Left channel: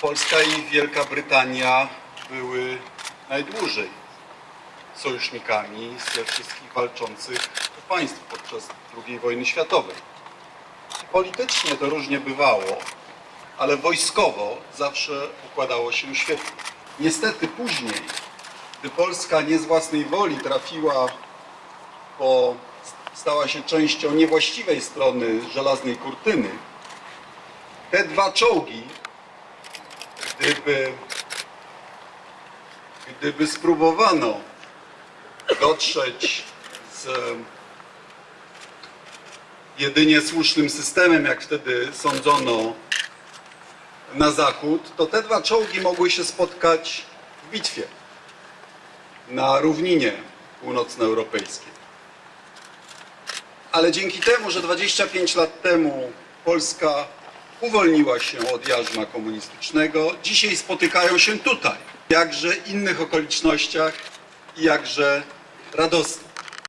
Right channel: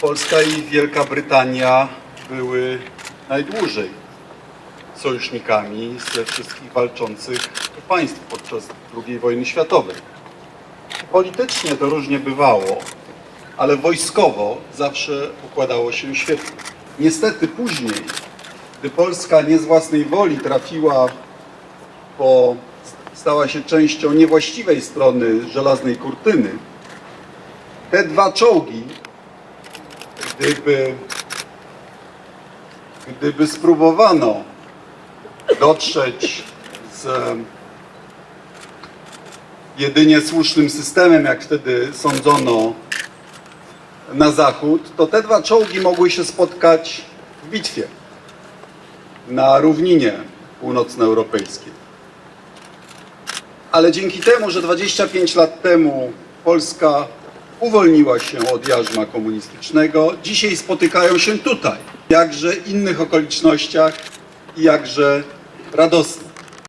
Polska i Wielka Brytania były najdłużej sojusznikami ze wszystkich walczących państw podczas II wojny światowej. Politycznie to różnie bywało, ale wojskowo zawsze układało się świetnie. Niestety później, gdy Polska nie z własnej woli trafiła po, stała się częścią niewłaściwej strony żelaznej kurtyny, te dwa czołgi, gdyby, gdyby spróbowano dotrzeć z jedynie słusznym systemem, jak wtedy sądzono na zachód, to te dwa czołgi mogły się spotkać w bitwie na równinie północnoeuropejskiej. Ale dzięki temu, że 25 lat temu Polska uwolniła się od jarzma komunistycznego, dzisiaj spotykają się tutaj, jakże innych okolicznościach i jakże radosnych.